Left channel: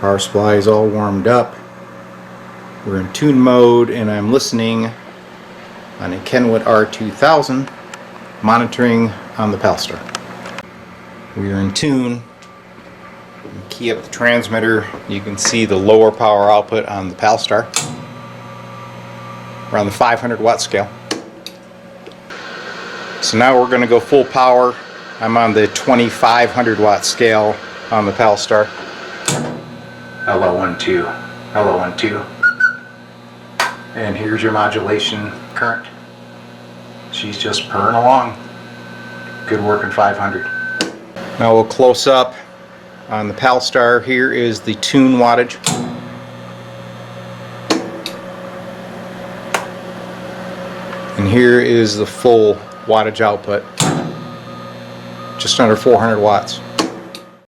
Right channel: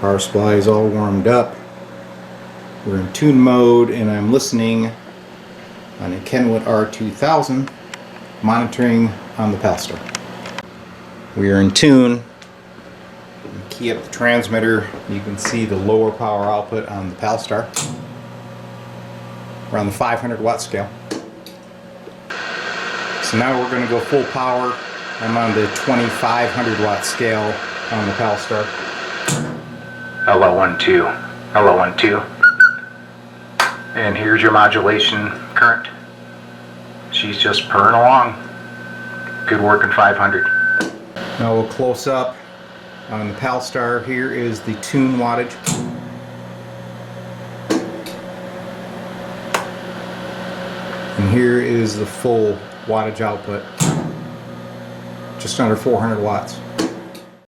Power supply is all warmed up. We're in tune mode and I'm listening on a Kenwood R2000, monitoring on the Palstar. We are in tune. Key up the transmitter. You can see the lower power output on the Palstar. We're on the 500 watt scale. So now we're going to go full power. I'm on the 2500 watt scale on the Palstar. Hello 1-2. Hello 1-2. And here's your modulation current. She's just purring along. Good working 500. Now we'll close up on the Palstar. Here is the tune wattage. And here is the full wattage output. Just under 400 watts.